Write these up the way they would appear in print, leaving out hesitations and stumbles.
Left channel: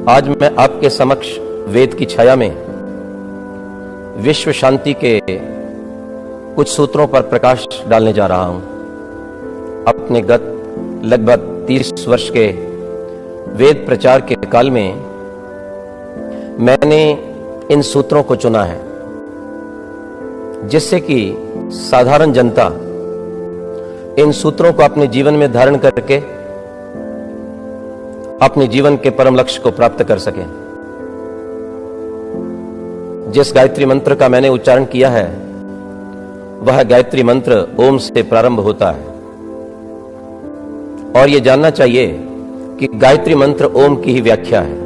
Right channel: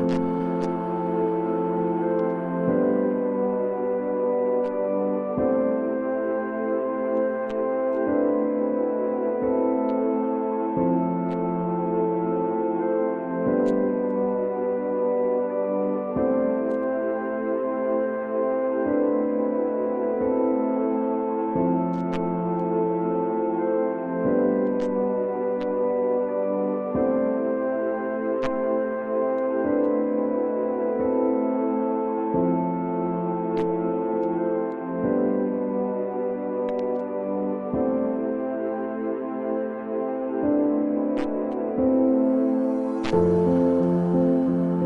आज मैं आपके समक्ष वेद की छाया में विश्व शांति के कुछ सूत्रों पर प्रकाश डालने जा रहा हूं। अपने गत लगभग 30 वर्ष के वेद प्रचार के काल में मैंने इन सूत्रों को चुना है, जिससे कि साधारण जनता इन सूत्रों को अपने जीवन में धारण करके अपने जीवन के परम लक्ष्य को प्राप्त कर सके। जिस गायत्री मंत्र का मैंने उच्चारण किया है वह गायत्री मंत्र ओम से प्रारंभ होता है, और यह जानना चाहिए कि गायत्री मंत्र ओम की ही व्याख्या है।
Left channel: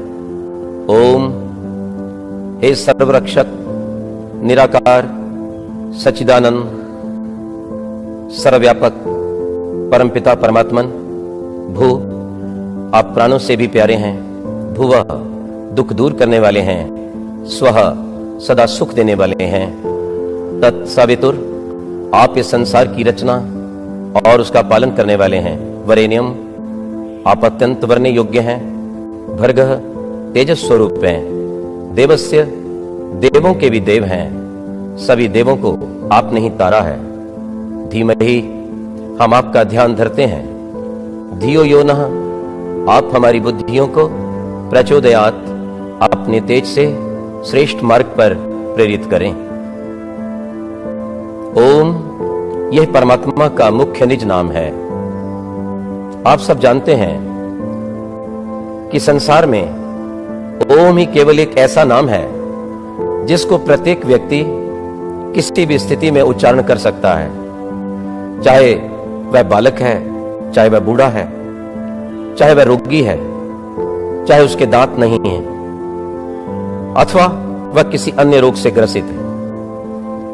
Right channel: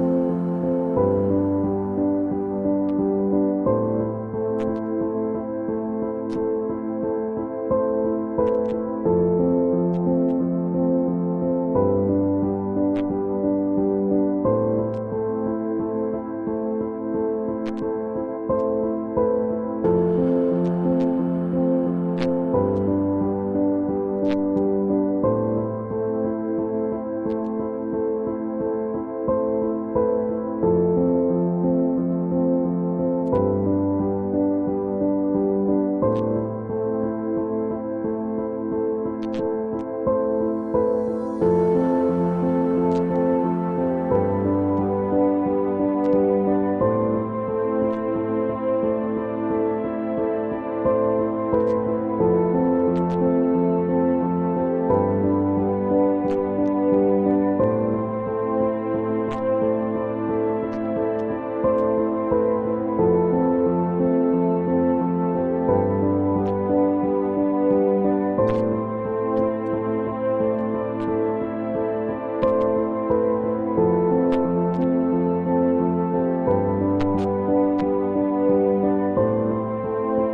ओम हे सर्वरक्षक, निराकार, सच्चिदानंद, सर्वव्यापक परमपिता परमात्मन। भू, आप प्राणों से भी प्यारे हैं। भुवः, दुख दूर करने वाले हैं। स्वः, सदा सुख देने वाले हैं। तत्सवितुर, आप इस संसार की रचना और उसका पालन करने वाले हैं। वरेण्यम, आप अत्यंत वरने योग्य हैं। भर्गः, तेजस स्वरूप हैं। देवस्य, देवों के भी देव हैं। सभी देवों को आपने ही तारा है। धीमहि, हम आपका ध्यान धरते हैं। धियो यो नः, आप हमारी बुद्धियों को प्रचोदयात, अपने तेज से श्रेष्ठ मार्ग पर प्रेरित करें। ओम, यह परमात्मा का मुख्य निज नाम है। आप सब जानते हैं कि संसार में ओम ही केवल एक ऐसा नाम है जिसको प्रत्येक व्यक्ति किसी भी स्थिति में उच्चारण कर सकता है, चाहे वह बालक है, चाहे वह बूढ़ा है, चाहे वह रोगी है, चाहे उसके दांत नहीं है, अथवा वह किसी अन्य रोग से ग्रसित है।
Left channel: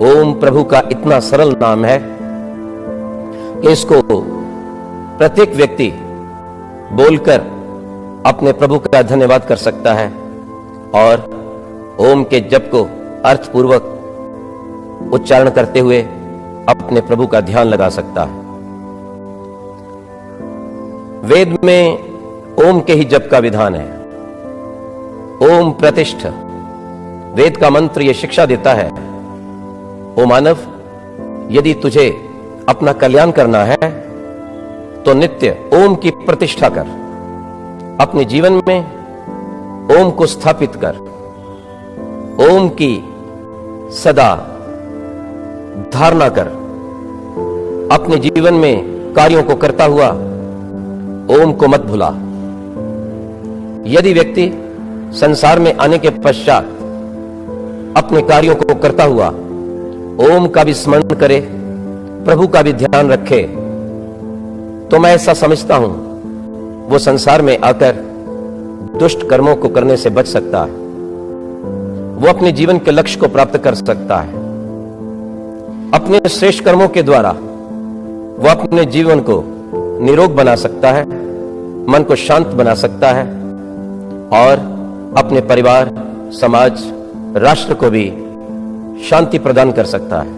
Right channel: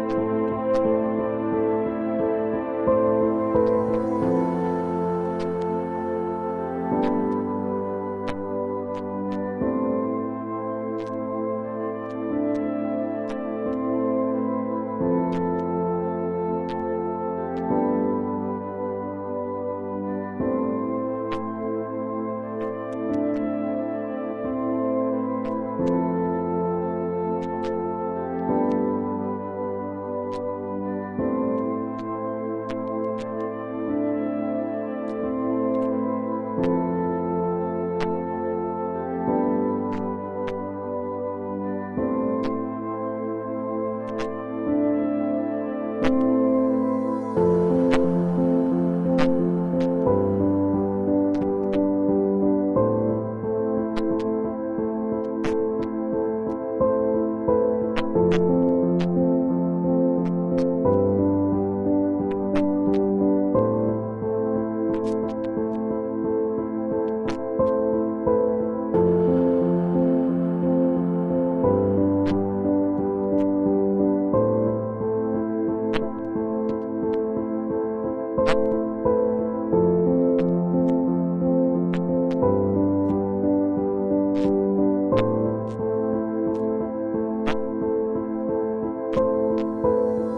ओम प्रभु का इतना सरल नाम है कि इसको प्रत्येक व्यक्ति बोलकर अपने प्रभु का धन्यवाद कर सकता है और ओम के जप को अर्थपूर्वक उच्चारण करते हुए अपने प्रभु का ध्यान लगा सकता है। वेद में ओम के ही जप का विधान है। ओम प्रतिष्ठ, वेद का मंत्र यह शिक्षा देता है, ओ मानव, यदि तुझे अपना कल्याण करना है तो नित्य ओम की प्रतिष्ठा कर। अपने जीवन में ओम को स्थापित कर। ओम की सदा धारणा कर। अपने जीवन में कार्यों को करता हुआ ओम को मत भुला। यदि व्यक्ति संसार में आने के पश्चात अपने कार्यों को करता हुआ ओम का भी स्मरण करे, प्रभु का भी ध्यान रखे, तो मैं ऐसा समझता हूं वो संसार में आकर दुष्ट कर्मों को करने से बच सकता है। वो अपने जीवन के लक्ष्य को प्राप्त कर सकता है। अपने श्रेष्ठ कर्मों के द्वारा वो अपने जीवन को निरोग बना सकता है, मन को शांत बना सकता है और अपने परिवार, समाज, राष्ट्र को भी शांति प्रदान कर सकता है।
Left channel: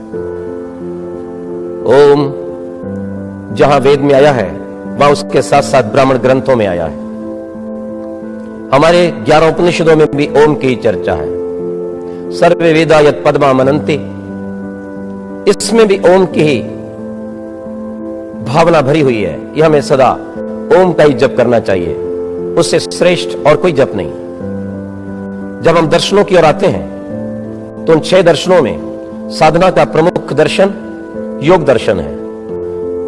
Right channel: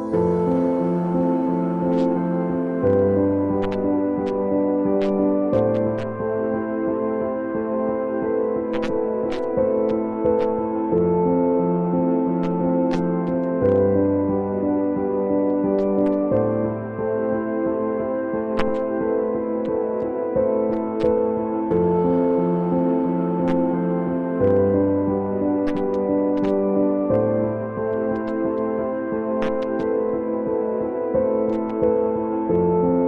ओम जहां वेद में आया है वहां उसके साथ साथ ब्राह्मण ग्रंथों में आया है। हमारे 11 उपनिषदों में भी ओम की चर्चा है। सर्वे वेदा यत् पद्मा मनन्ति, इसमें भी ओम की ही भावना भरी हुई है कि हमें सदा ओम का ही जप करना चाहिए, उससे श्रेष्ठ और कोई जप नहीं। जब हम दर्शनों की ओर आते हैं तो उन 6 दर्शनों में साधना का प्रमुख दर्शन योग दर्शन है।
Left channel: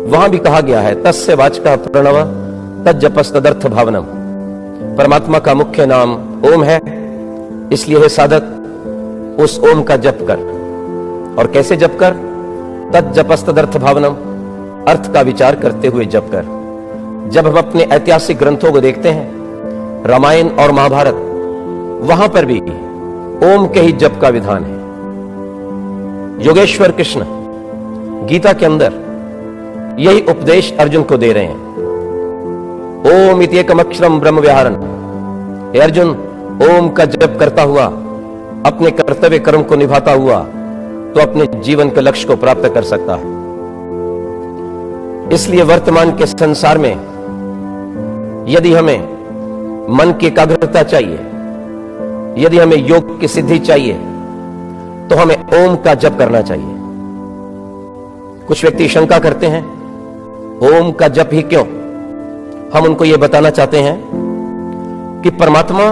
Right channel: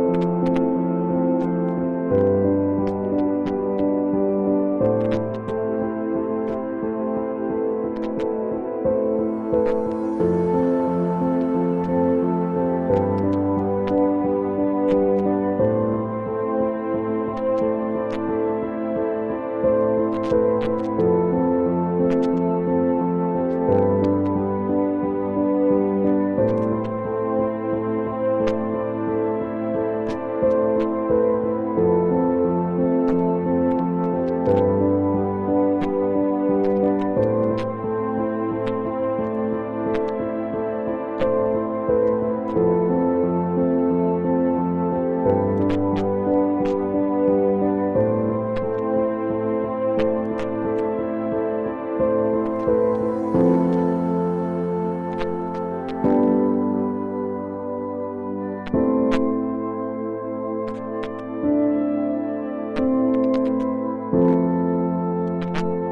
वहां भी कहा गया है, तस्य वाचकः प्रणव तज्जपस्तदर्थ भावनम। परमात्मा का मुख्य नाम ओम है, इसलिए हे साधक उस ओम का जप कर। और कैसे जप कर? तज्जपस्तदर्थ भावनम, अर्थ का विचार करते हुए जप कर। जब हम अपने ऐतिहासिक ग्रंथों को देखते हैं, रामायण और महाभारत, वहां पर भी ओम के ही जप का विधान है। योगेश्वर कृष्ण गीता के अंदर यही उपदेश अर्जुन को दे रहे हैं। ओम इति एकम अक्षरम ब्रह्म व्याहरण। हे अर्जुन, ओम का जप करता हुआ, अपने कर्तव्य कर्म को निभाता हुआ तो अपने जीवन के लक्ष्य को प्राप्त कर सकता है। इसलिए वर्तमान के संसार में यदि हमें मन की एकाग्रता चाहिए, यदि हमें योग की सिद्धि चाहिए, तो हमें ओम का जप करना चाहिए। कुछ व्यक्ति शंका करते हैं, ओम का जप ही क्यों? हम उनको यह बताना चाहते हैं कि परमात्मा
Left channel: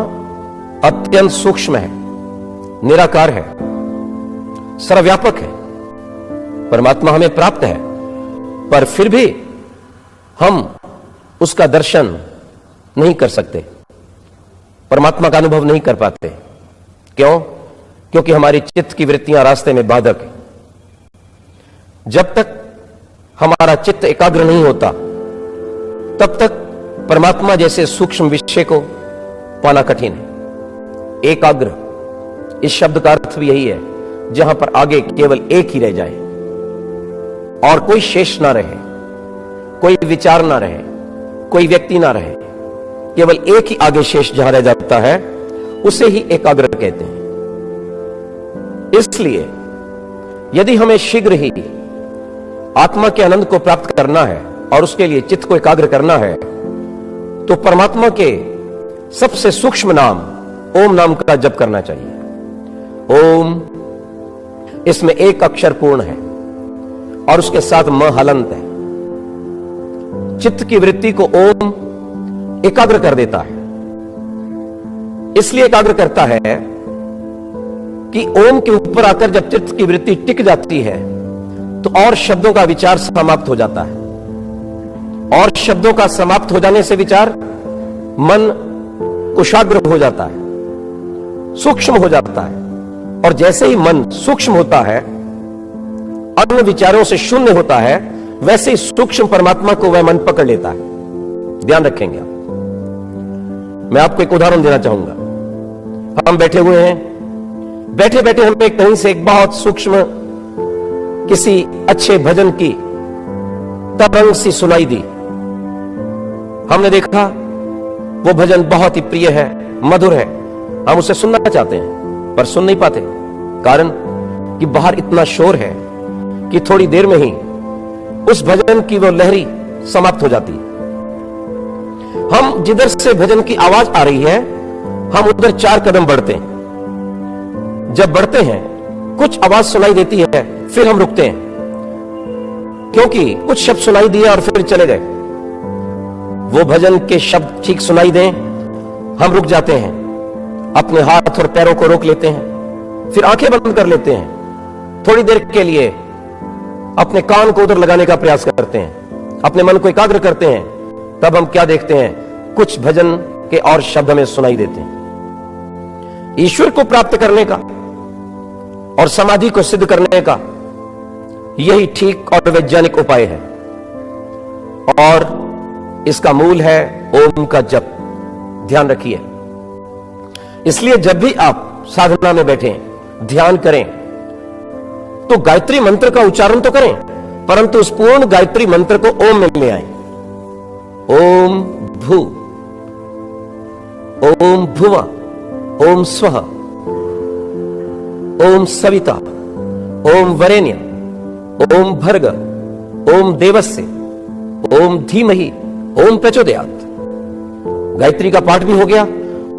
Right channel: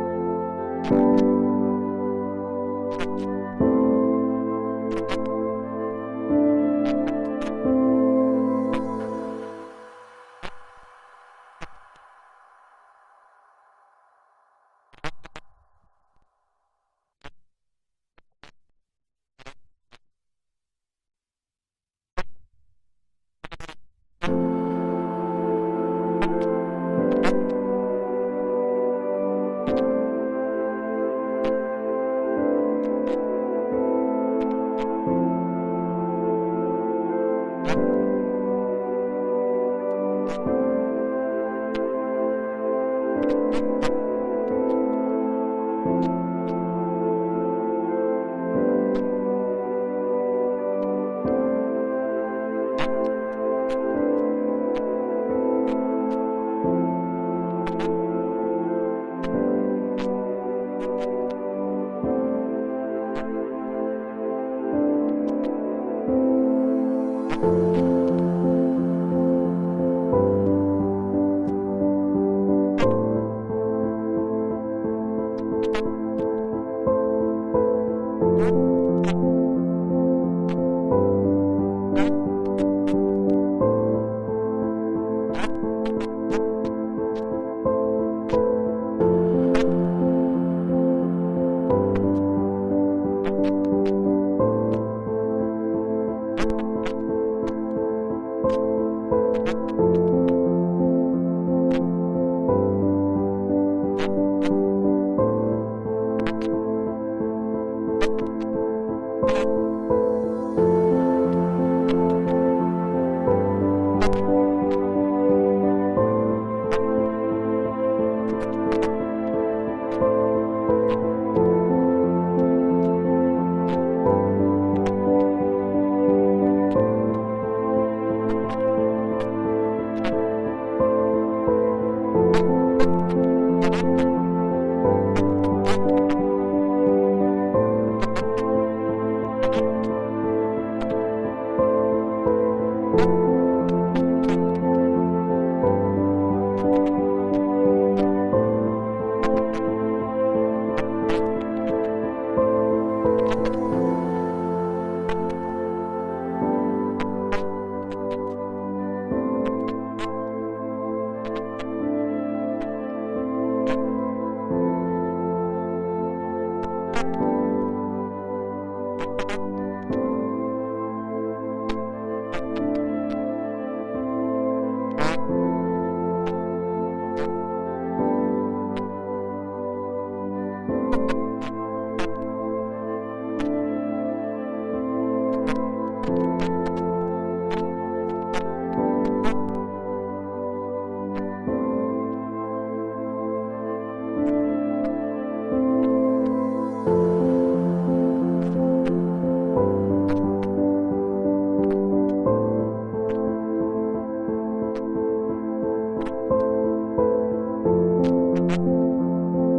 अत्यंत सूक्ष्म है, निराकार है, सर्वव्यापक है। परमात्मा हमें प्राप्त है, पर फिर भी हम उसका दर्शन नहीं कर सकते, परमात्मा का अनुभव नहीं कर पाते। क्यों? क्योंकि हमारी चित्त की वृत्तियां रास्ते में बाधक है। जब तक हमारा चित्त एकाग्र नहीं होता, तब तक परमात्मा जैसे सूक्ष्म विषय को पाना कठिन है। एकाग्र, इस शब्द का अर्थ भी यही है, जहां पर आगे केवल एक ही रह जाए और कोई शेष ना रहे, कोई विचार ना रहे, कोई व्यक्ति ना रहे, केवल एक ही आगे शेष जहां रह जाता है, उसे ही एकाग्र कहते हैं। इसलिए यदि हमें शीघ्र ही आत्मा के आनंद को प्राप्त करना है और उसके लिए चित्त को एकाग्र करना है, तो परमात्मा के सबसे सूक्ष्म नाम ओम नाम का जप करना चाहिए। ओम, इसमें एक अक्षर पूर्ण है और उसके साथ म हलंत है। चित्त की वृत्ति को ओम एकाग्र कर देता है। इसलिए एकाग्र करता है कि ओम के ऊपर आकर जब चित्त की वृत्ति टिक जाती है, तो और शब्दों का विचार समाप्त हो जाता है, और शब्दों का समाप्त हो जाने से विचार मन कुशाग्र हो जाता है, सूक्ष्म हो जाता है। और जैसे ही मन सूक्ष्म होता है, अन्य विचारों से शून्य होता है, वैसे ही सूक्ष्म परमात्मा को वह मन पकड़ लेता है। ध्यान रखेंगे आप। मैं आपको एक उदाहरण देना चाहूंगा। हम बैठे हुए हैं, बैठे बैठे हम पे कहीं से एक बहुत सूक्ष्म किसी अच्छे भजन की तरंग सी सुनाई दी। हमने देखा वो भजन बहुत ही प्रिय है, मधुर है, हम उसे सुनना चाहते हैं पर सुन नहीं पाते। कारण कि बाहर इतना शोर है कि थोड़ी देर में ही उस भजन की वो लहरी समाप्त हो जाती। हम जिधर से भजन की आवाज आ रही है, हम उधर 4 कदम बढ़ते हैं। जब बढ़ते हैं, कुछ आवाज सुनाई देती है, फिर हम रुकते हैं, क्योंकि कुछ शब्द सुनाई दिए और फिर चले गए। वो भजन के शब्द ठीक सुनाई दें, हम रुक जाते हैं, अपने हाथ और पैरों को रोक लेते हैं, फिर आंखें बंद कर लेते हैं, थोड़ी देर के लिए अपने कान को उधर लगाने का प्रयास करते हैं, अपने मन को एकाग्र करते हैं। तब हम क्या देखते हैं? कुछ भजन के और शब्द हमें सुनाई देते हैं। ईश्वर को प्राप्त करने का और समाधि को सिद्ध करने का यही ठीक और वैज्ञानिक उपाय है, और इसका मूल है ओम का जप। ध्यान रखिए। इसलिए जब भी आप साधना में बैठे, ध्यान करें, तो गायत्री मंत्र का उच्चारण तो करें, परंतु उस पूर्ण गायत्री मंत्र को ओम में ले आए। ओम भू, ओम भुवा, ओम स्वः, ओम सविता, ओम वरेण्य, ओम भर्ग, ओम देवस्य, ओम धीमहि, ओम प्रचोदयात्। गायत्री का पाठ भी हो गया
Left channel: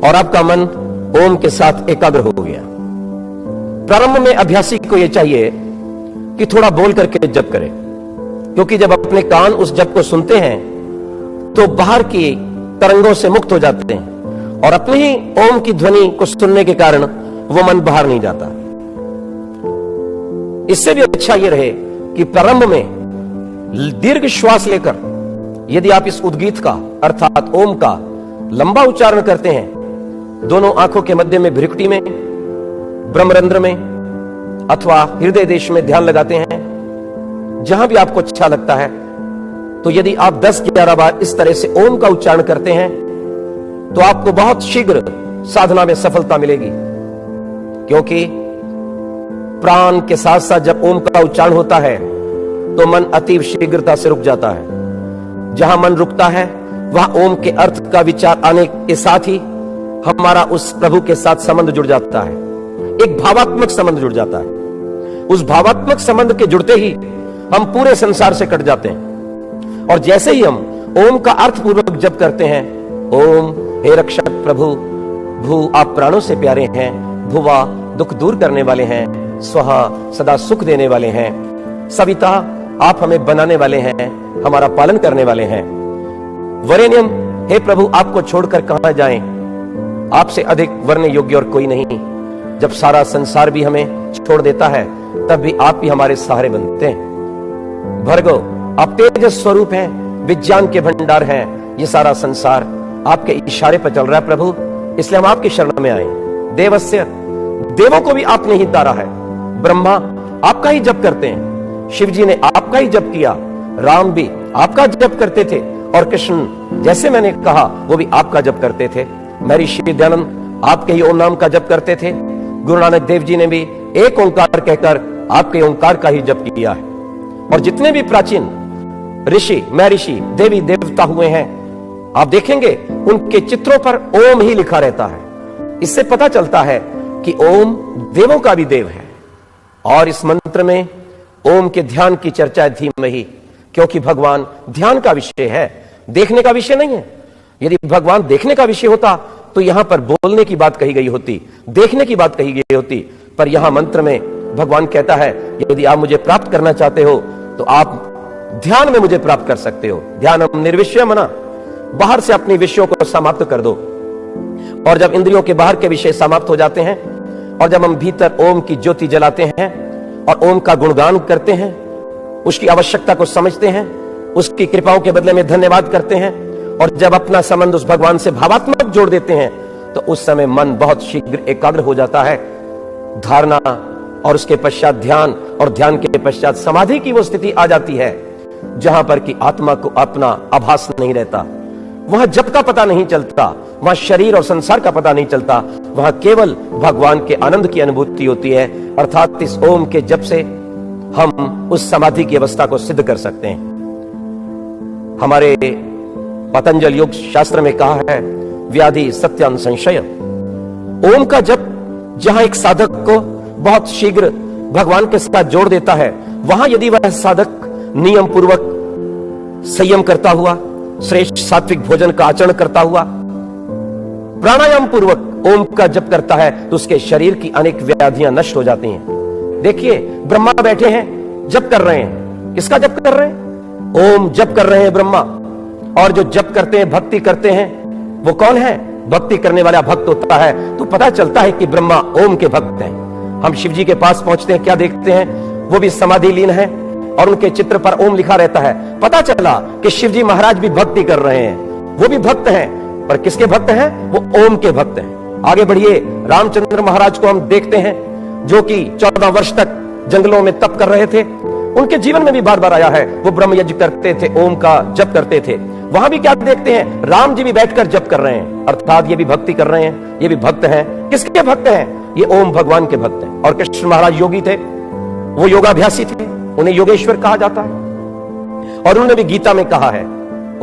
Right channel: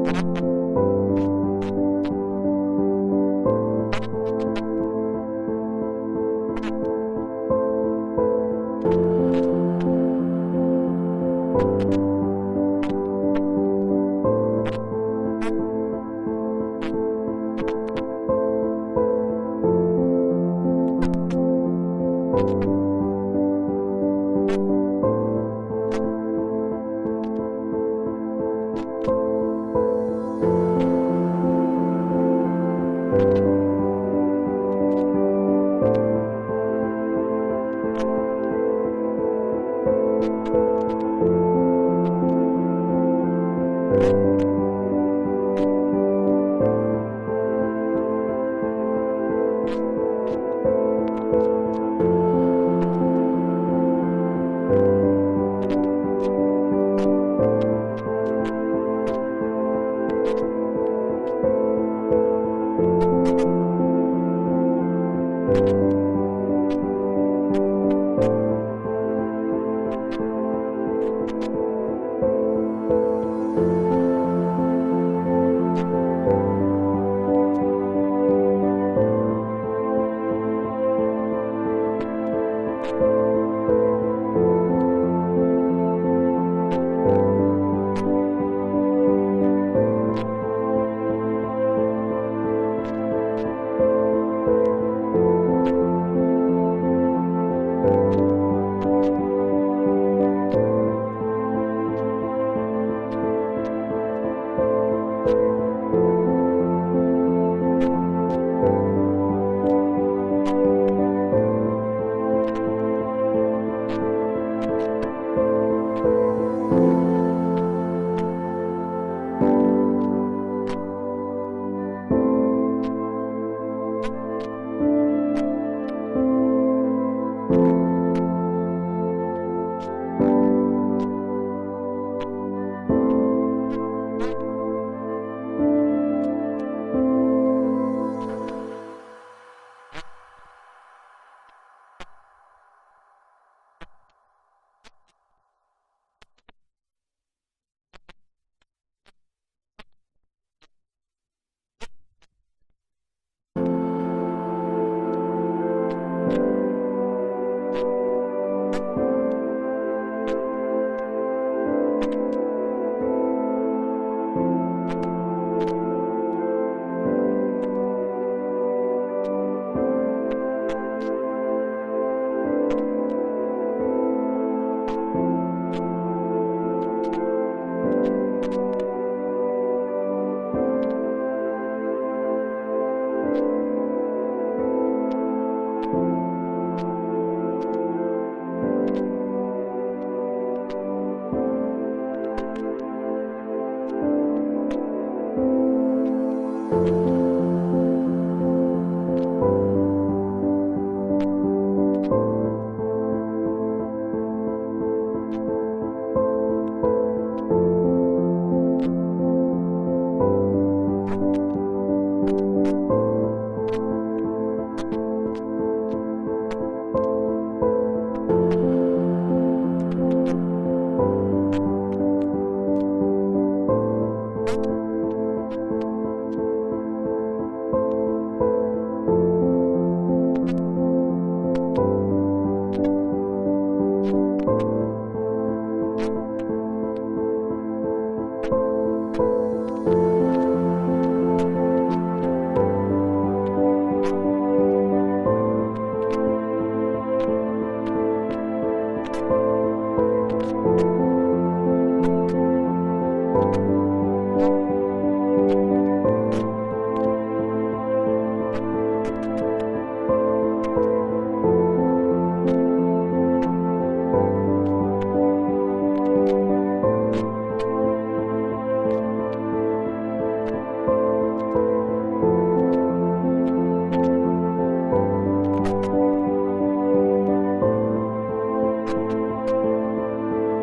और आपका मन ओम के साथ एकाग्र हो गया। प्रारंभ में अभ्यासी को यह चाहिए कि थोड़ा बोल करके जप करें, क्योंकि जब अपने कान उस जप को सुनते हैं तो बाहर की तरंगों से मुक्त हो जाते हैं, और अपने ही ओम की ध्वनि को सुनने के कारण वो मन बाहर नहीं जाता। इससे भी अच्छा यह रहे कि प्रारंभ में दीर्घ श्वास लेकर यदि आप इस उद्गीत का अर्थात ओम का लंबा उच्चारण करते हैं, दोनों आंखों के मध्य में, भ्रिकुटी में, ब्रह्मरंध्र में अथवा हृदय देश में ध्यान लगाते हैं, जहां भी आपको अच्छा लगता है, तो यदि आप 10-11 बार इस तरह से ओम का उच्चारण करते हैं, तो आपको बहुत शीघ्र साधना में सफलता मिलेगी। क्योंकि प्राण के साथ साथ जब ओम का उच्चारण होता है, तो मन अतीव शीघ्रता से रुक जाता है। जहां मन रुकता है, वहां ओम के अर्थ का विचार आने के साथ ही हमारा उस प्रभु के साथ संबंध जुड़ जाता है, एक भावात्मक संबंध जुड़ जाता है। उस भावात्मक संबंध के जुड़ते ही हम पूरे संसार से कट जाते हैं, और जैसे ही हम ओम का अर्थ पूर्वक जप करते हैं, ओम हे रक्षक प्रभु, भू आप प्राणों से प्यारे हैं, भुवा दुख दूर करने वाले हैं, स्वहा सदा सुख देने वाले हैं, सविता आप हमें बनाने वाले हैं, हमारा पालन करने वाले हैं, वरेण्यम हे प्रभु आपको छोड़कर कहां जाएं, आपसे अधिक वरने योग्य और कोई नहीं। जब सारा संसार भी हमें छोड़ देता है तब भी आप ही हमारे सहारे बनते हैं। भर्गो आप तेजस स्वरूप हैं, विज्ञान के भंडार हैं, ये सारा संसार आपके इशारे पर चल रहा है प्रभु, इसलिए हम आपकी शरण में आए। देवस्य देवों को भी आपने ही तारा है, ब्रह्मा आपका ही जप करते हैं, शिव जी ने आपका ही जप किया, राम भी आपका जप करते थे, और कृष्ण जैसे मैंने कहा वो भी आपका जप करते थे। महर्षि दयानंद आपके ही ओम नाम का जप करते थे, गुरु नानक देव जी ने भी एक ओंकार कहकर आपके ओंकार का ही जप किया है। और जितने भी प्राचीन ऋषि महर्षि देवी देवता हुए हैं, आप देखेंगे उनके चित्रों पर ओम ही लिखा रहता है। इससे पता चलता है कि ओम देवों का भी देव है। और इस मंत्र में ओम के ध्यान की चर्चा है धीमहि, क्योंकि भगवान ध्यान का विषय है, देखने का विषय नहीं है। यदि भगवान देखने का विषय होता तो यहां पर बोलने की बात कही गई होती, देखने की बात कही गई होती, पर यहां मंत्र में भगवान कहता है यदि आप मुझे प्राप्त करना चाहते हो तो आप ध्यान में मुझे प्राप्त कर सकते हो। ध्यानम निर्विषय मना, बाहर से अपने विषयों को समाप्त कर दो, और जब इंद्रियों के बाहर के विषय समाप्त हो जाते हैं और जब हम भीतर ओम की ज्योति जलाते हैं और ओम का गुणगान करते हैं, उसकी आवश्यकता को समझते हैं, उसकी कृपाओं के बदले में धन्यवाद करते हैं, और जब अपना संबंध उस भगवान से भावात्मक जोड़ देते हैं तो उस समय मन बहुत शीघ्र एकाग्र हो जाता है। धारणा और उसके पश्चात ध्यान, और ध्यान के पश्चात समाधि की वो स्थिति आ जाती है जहां पर कि आत्मा को अपना आभास नहीं रहता, वहां जप का पता नहीं चलता, वहां शरीर और संसार का पता नहीं चलता, वहां केवल भगवान के आनंद की अनुभूति होती है। अर्थात इस ओम के जप से हम उस समाधि की अवस्था को सिद्ध कर सकते हैं। हमारे पतंजल योग शास्त्र में कहा है व्याधि सत्यान संशय। ओम का जप जहां एक साधक को बहुत शीघ्र भगवान के साथ जोड़ देता है, वहां यदि वह साधक नियम पूर्वक संयम करता हुआ, श्रेष्ठ सात्विक भोजन का आचरण करता हुआ, प्राणायाम पूर्वक ओम का जप करता है तो उसके शरीर की अनेक व्याधियां नष्ट हो जाती हैं। देखिए ब्रह्मा बैठे हैं, जप कर रहे हैं, किसका जप कर रहे हैं? ओम जप कर रहे हैं ब्रह्मा। और जो जप करते हैं, भक्ति करते हैं, वो कौन है? भक्ति करने वाला भक्त होता है तो पता चलता है कि ब्रह्मा ओम के भक्त हैं। हम शिव जी के पास पहुंचते हैं, क्या देखते हैं? वो भी समाधि लीन है और उनके चित्र पर ओम लिखा रहता है। पता चला कि शिव जी महाराज भी भक्ति कर रहे हैं, वो भी भक्त हैं, पर किसके भक्त हैं? वो ओम के भक्त हैं। आगे बढ़िए, रामचंद्र महाराज को हम देखते हैं जो कि 14 वर्ष तक जंगलों में तप कर रहे थे। उनके जीवन में भी बार बार आया है, वो ब्रह्म यज्ञ करते थे, ओम का जप करते थे। वहां भी क्या देखते हैं? राम जी भी बैठकर जप कर रहे हैं, अर्थात ये भी भक्ति कर रहे हैं, ये भी भक्त हैं। किसके भक्त हैं? ये ओम भगवान के भक्त हैं। और कृष्ण महाराज योगी थे, वो योगाभ्यासी थे, उन्हें योगेश्वर कहा जाता है। और उन्होंने भी गीता में कहा है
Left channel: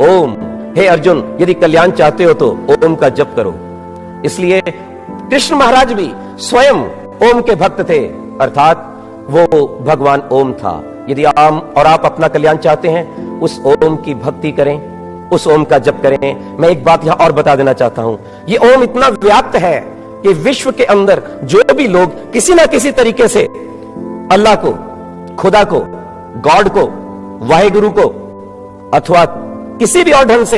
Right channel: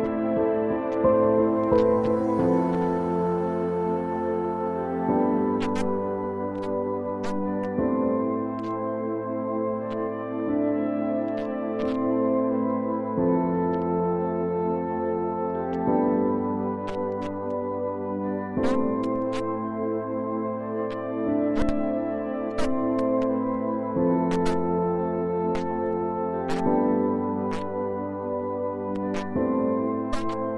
ओम, हे अर्जुन यदि कल्याण चाहते हो तो ओम का जप करो। इसलिए कृष्ण महाराज भी स्वयं ओम के भक्त थे, अर्थात वो भगवान ओम था। यदि आप अपना कल्याण चाहते हैं, उस ओम की भक्ति करें, उस ओम का जप करें। मैं एक बात यहां और बता देना चाहता हूं, ये ओम इतना व्याप्त है कि विश्व के अंदर जो भी लोग किसी ना किसी तरीके से अल्लाह को, खुदा को, गॉड को, वाहेगुरु को, अथवा किसी भी और ढंग से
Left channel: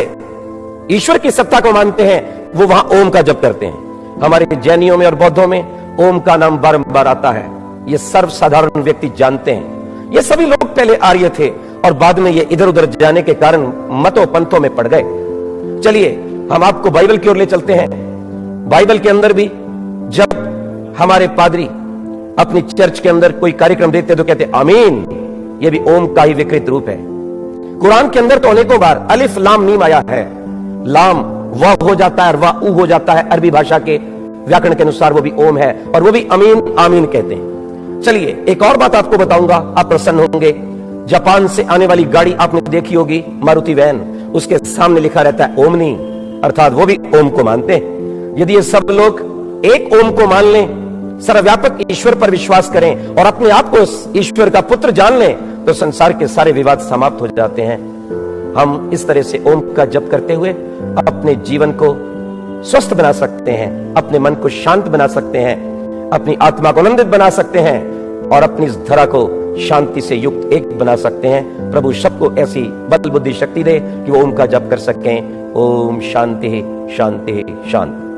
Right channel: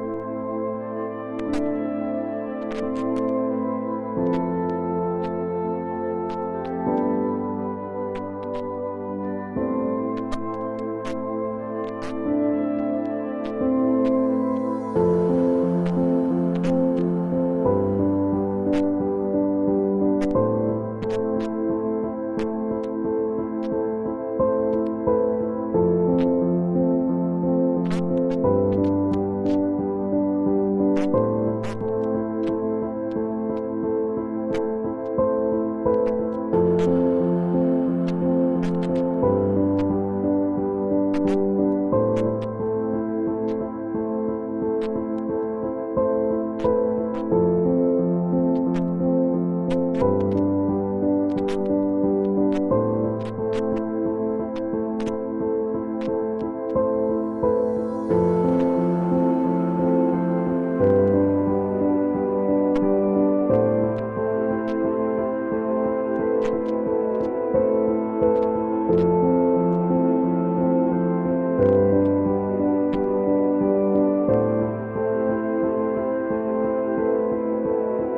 ईश्वर की सत्ता को मानते हैं, वो वहां ओम का जप करते हैं। हमारे जैनियों में और बौद्धों में ओम का नाम बारंबार आता है, ये सर्वसाधारण व्यक्ति जानते हैं। ये सभी लोग पहले आर्य थे और बाद में ये इधर उधर जाने के कारण मतों पंथों में पड़ गए। चलिए हम आपको बाइबल की ओर ले चलते हैं। बाइबल के अंदर भी जब हमारे पादरी अपनी चर्च के अंदर कोई कार्यक्रम देते तो कहते आमीन, ये भी ओम का ही विकृत रूप है। कुरान के अंदर तो अनेकों बार अलिफ लाम मीम आया है, लाम वाह हो जाता है और वाह ऊ हो जाता है, अरबी भाषा के व्याकरण के अनुसार वो भी ओम है, और वो भी अमीन आमीन कहते हैं। चलिए एक और बात आपको बताऊंगा, आप प्रसन्न होंगे। जापान से आने वाली गाड़ी आपने देखी होगी, मारुति वैन, उसके सामने लिखा रहता है ओमनी, अर्थात वो भी ओम को मानते हैं। यदि ये सब लोग एक ओम को मान लें, सर्वव्यापक ईश्वर पर विश्वास करें और अपने आप को ईश्वर का पुत्र जान लें, तो संसार के सारे विवाद समाप्त हो जाते हैं। हम इस तरह से ओम का जप करते हुए अपने जीवन को स्वस्थ बना सकते हैं, अपने मन को शांत बना सकते हैं, अपनी आत्मा को आनंदित बना सकते हैं और अपनी इस धरा को शांति से युक्त एक बना सकते हैं। प्रभु सबको ऐसी बल बुद्धि शक्ति दे कि वो ओम का जप कर सकें। ओम शांति शांति शांति।